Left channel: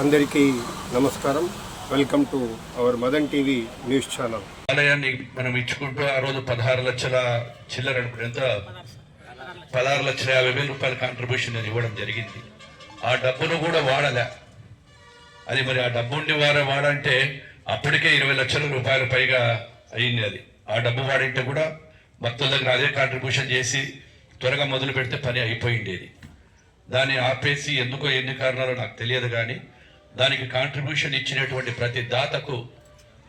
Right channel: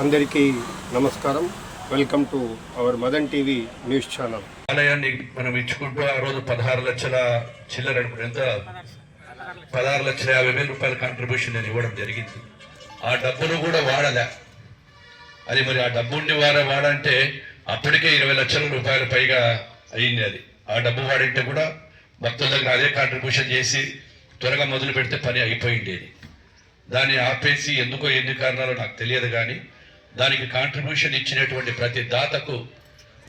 అందరికీ నమస్కారం. Welcome to our Madan TV news channel ఆలయాన్ని మనం ఇచ్చుకుంటూ ఆ రోజు పదహారు లక్షల చిల్లర ఎంత? పదహారు లక్షల యాభై వేల రూపాయల కాంట్రిబ్యూషన్ నేను ఇవ్వడం జరిగింది. ఆ డబ్బును కూడా వాడలే. అది మరి ఆ డబ్బుని ఉండి వారే వాడంటే అప్పటికే ఇరవై లక్షల రూపాయల పైగా అయింది అది. ఆ డబ్బు వాడింటే కూడా భక్తుల దగ్గర అదే కాంట్రిబ్యూషన్ చేసి త్వరగా మొదలు పెడితే పని అయిపోయిండేది. దాన్ని ఆపేసి ఎందుకో ఎన్ని కారణాలు నాకు తెలియదు కానీ దానికి కాంట్రిబ్యూషన్ ఇచ్చినటువంటి ప్రతి దాతకు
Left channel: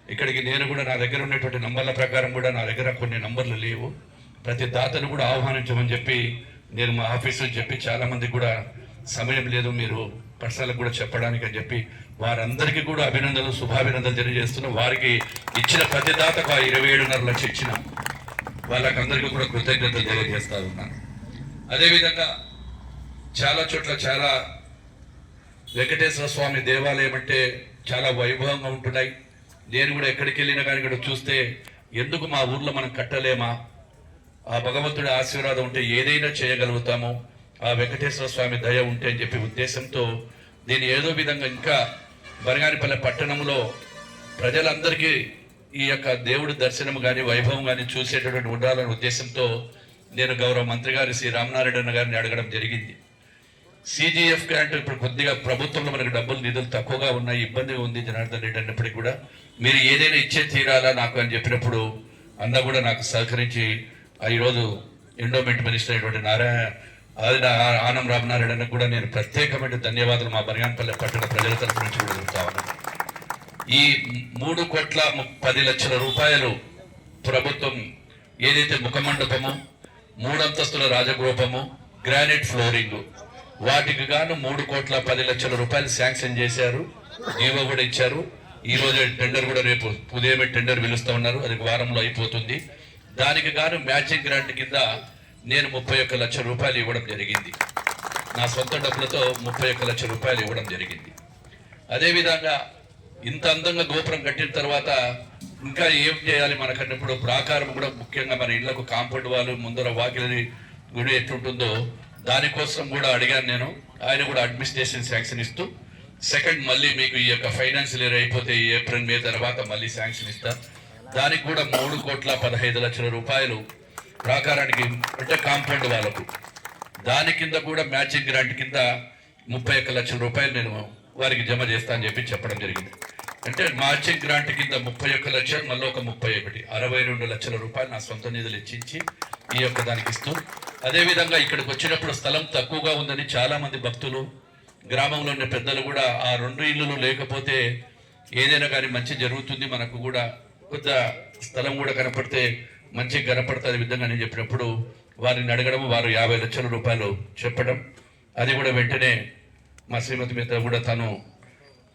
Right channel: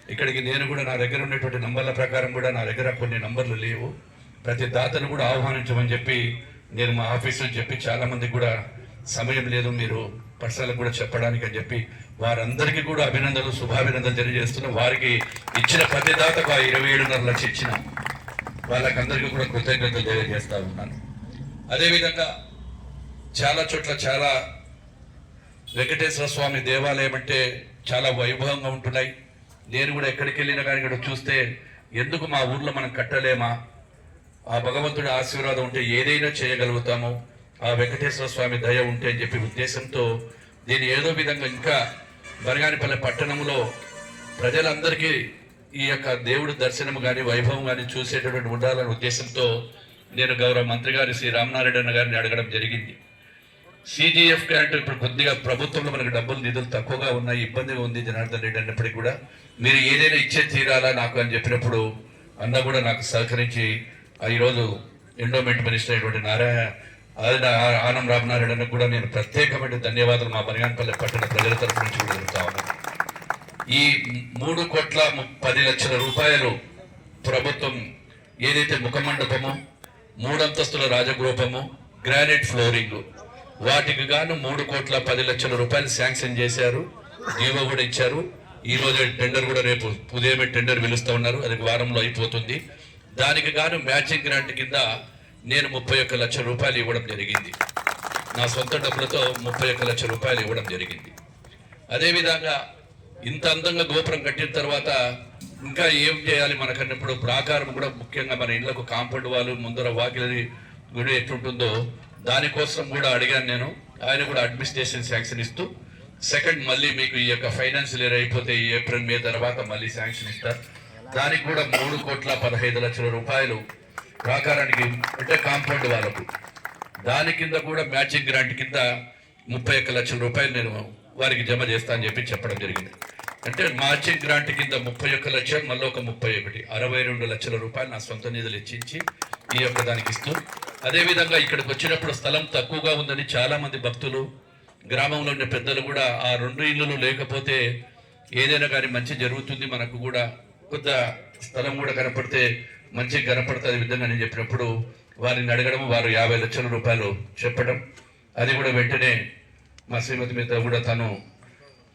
ఇక్కడికి నేను కూడా నా దగ్గర ఉన్నటువంటి నంబర్ల ప్రకారం కూడా నా దగ్గర కొన్ని నంబర్లు లేవు. ప్రతి దాతను కూడా ఆహ్వానించమని చెప్పి నేను మా ఆఫీసులో చెప్పి చాలామంది కూడా సమయం లేదు మీరు పర్సనల్ కూడా చెప్పడానికి అని చెప్పి వారందరికీ కూడా అభినందనలు శుభాభినందనలు తెలియజేస్తున్నా. వారికి ఇచ్చిన ప్రతి దాతకు ఆ ఇరవై ఏడున్నర లక్ష ఇచ్చిన వాళ్ళకందరికీ కూడా కృతజ్ఞతలు తెలియజేస్తా ఉన్నాను. అదేవిధంగా చాలా చోట్ల చాలా వెంకటేశ్వర స్వామి దేవాలయం అంటే చాలా వైభవంగా ఉంటున్నాయి. నేను కూడా ఎక్కడికి వెళ్ళినా కానీ ఇక్కడ చూస్తే ఎందుకు మా ఊర్లో మనం కట్టలేమా? ఆ భగవంతుడి ఆశీర్వాదం ఉంటే ఏదైనా చేయగలుగుతాము. ఆ వెంకటేశ్వర స్వామి దయ ఉంటే అని చెప్పి ఉద్దేశంతో దీన్ని ఏదో విధంగా ఇంకా బరగానిపల్లె పట్టణంలో ప్రజలందరికీ ఈ యొక్క దేవుడి దర్శనం కానీ వైభవం కానీ చూసేటటువంటి ఉండాలనే ఉద్దేశంతో నేను గౌరవ మంత్రి గారి శ్రీ రామనారాయణ గారిని అడగడం జరిగింది. సిజిఎఫ్ అంటే ఇప్పుడు కొద్దిగా ప్రభుత్వంలో మనకి డబ్బులు నిధులు తక్కువగా ఉన్నాయి ఇబ్బందిగా ఉంది జనార్దన్ రెడ్డి అన్నప్పటికీ కూడా. మీరు ఏదైనా ఇచ్చే తీరాలా నాకు అని చెప్పినప్పుడు అన్న కూడా నాకు సహకరించి ఈరోజు ఎండోమెంట్ మినిస్టర్ అయినటువంటి నారాయణ అది ఆనం రామనారాయణ కూడా నేను ప్రత్యేకమైన ధన్యవాదాలు మా బనగానపల్లి పట్టణ ప్రజల తరఫు నుంచి కూడా ఈ మూడు కోట్ల పది లక్షల రూపాయలు ప్రభుత్వం ఏదైతే ముఖమండపము మూడంతస్తుల రాజగృహము గ్రానైట్ ఫ్లోరింగ్ వాటికి గాను మూడు కోట్ల పది లక్షల రూపాయలు శాంక్షన్ చేశారు. జీవో కూడా ఇచ్చారు. ఈ రోజు టెండర్ కూడా రేపు ఉదయమే టెండర్ పిలుస్తా ఉన్నారు. అది వారంలో అయిపోతుంది. దానికి గాను మ్యాచింగ్ గ్రాంట్ కింద నేను ముప్పై ఒక్క లక్షల రూపాయలు ఇవ్వడం జరిగింది. నా సొంత డబ్బులతో ముప్పై ఒక్క లక్షల రూపాయలు ఇవ్వడం జరిగింది. అదేవిధంగా ఇంత అందంగా గోపురం కట్టిన తర్వాత ఇంకా ఏం చేయాలి మనకన్నప్పుడు ప్రాకారం కూడా ముఖ్యంగా మన ఇళ్ళకు కాంపౌండ్ వాళ్ళు ముందర వాకిలి గుడి ఎట్లుంటుందో దానికోసం కూడా అడిగాను నేను. ఆయన కూడా అడ్మినిస్ట్రేషన్ శాంక్షన్ ఇస్తూ సెకండ్ మళ్ళీ మీకు ఈ యొక్క ఫైనాన్షియల్ ఇయర్ అయిపోతే ఏప్రిల్ మే తర్వాత మళ్ళీ శాంక్షన్ ఇస్తారు దానికి కూడా మూడు కోట్ల పదహైదు లక్షల రూపాయలు ప్రాకారానికి అంటే కాంపౌండ్ వాళ్ళకు. దాని కింద కూడా మ్యాచింగ్ గ్రాంట్ కింద ముప్పై ఒక్క లక్షల రూపాయలు నేను వారికి జమ చేస్తా అని చెప్పి చెప్పడం జరిగింది. అంటే మ్యాచింగ్ గ్రాంట్ కింద ముప్పై ఒక్క లక్షలు మళ్ళీ ఒక ముప్పై ఒకటి అరవై రెండు లక్షల రూపాయలు నా సొంత నిధులు ఇచ్చించి ఈ యొక్క దానికి ఇస్తూ అదేవిధంగా ఇక్కడికి వచ్చినప్పుడు స్థలం తక్కువగా ఉందని చాలామంది భక్తులు గ్రామంలో ఉన్న పెద్దలు కూడా ఆ రెండు ఇళ్ళు లేకపోతే ఏదైనా కానీ మంచి జరుగుతుంది మనకు కూడా కొంత స్థలం కూడా కనపడితే మంచి కనపడుతుంది విధంగా నేను చెప్పినప్పుడు వారిని అడగడం వారు యాభై లక్షల రూపాయలు చెప్పడం. అది కూడా వెంటనే మా శ్రీమతి మీద కూడా తను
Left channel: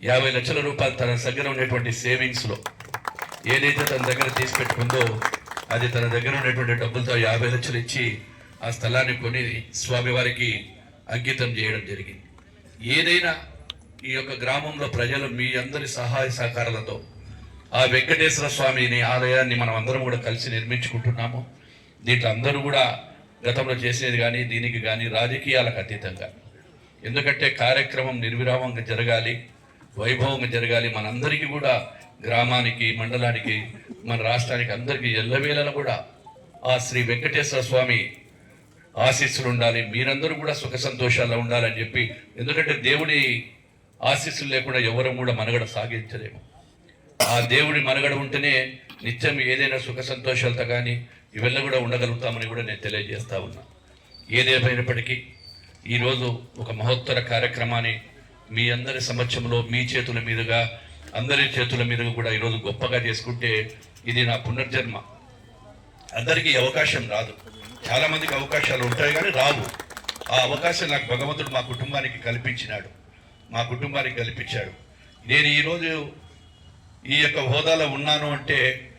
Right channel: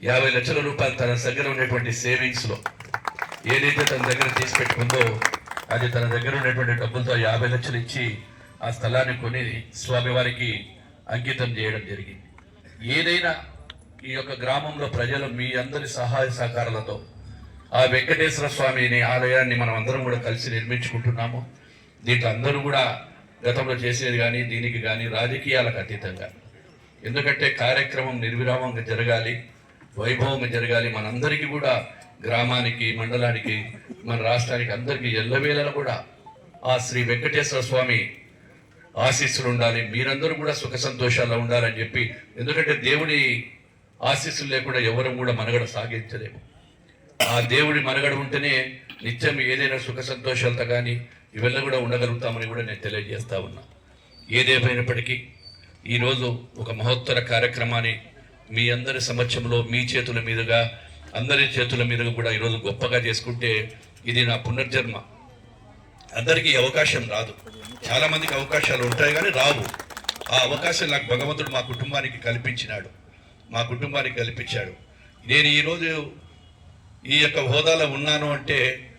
యాభై లక్షల రూపాయలు తన దగ్గర ఉన్నటువంటి సేవింగ్స్లో ఏదైతే తన దగ్గర తీసి పెట్టుకుందో అది తన దగ్గర ఉన్నటువంటి డబ్బులతో యాభై లక్షలు ఇచ్చి ఆ స్థలాన్ని కొని స్వామివారికి అంకితం చేయడం జరిగింది. ఏదైనా ఈ యొక్క గ్రామంలో ప్రజలు మీ అందరి సహాయ సహకారాలతో ఆ వెంకటేశ్వర స్వామిని ఆలయాన్ని మనం అందరం కూడా కలిసి నిర్మించుకుంటున్నాము. దీంట్లో అందరూ కూడా గతంలో చేసేది కానీ దీనికి కానీ రాజకీయాలకు అతీతంగా. ఎందుకంటే కార్యక్రమం నిర్విరామంగా జరగాలి వైభవంగా జరగాలి. మనందరికీ కూడా గ్రామానికి మండలానికి మన రాష్ట్రానికి అందరికీ ఎల్లవేళలా కూడా ఆ శ్రీ వెంకటేశ్వర స్వామి ఆశీస్సులు ఉండాలి. మీరందరూ కూడా సుఖ సంతోషాల్లో ఉండాలని చెప్పి ఎందుకంటే దేవుడి ఆశీస్సులు లేకుండా ఎవరు కూడా మనగడ సాగించలేము. ఆ దేవుడి మనగడ ఉంటేనే నిత్యం ఏదైనా సుఖ సంతోషాలతో కానీ ఇవన్నీ కూడా ఉండగలుగుతామని కూడా నేను తెలియజేస్తా ఉన్నా. ఏదేమైనప్పటికీ ఈరోజు ఒక మహోత్తర కార్యక్రమాన్ని మీ అందరి సమక్షంలో మీ చేతుల మీదుగా అందరి చేతుల మీదుగా కూడా ఈరోజు గొప్పగా చేసుకుంటే ఇది నా పునర్జన్మ. అందరికీ అవకాశం రాదు. చాలా మందికి అవకాశాలు ఉంటాయి కానీ రావు. ఆ అవకాశం నాకు భగవంతుడు మా కుటుంబానికి కల్పించినాడు. మా కుటుంబానికి కల్పించాడు. నేను ఈరోజు ఈ యొక్క హోదాలో ఉన్నాను అంటే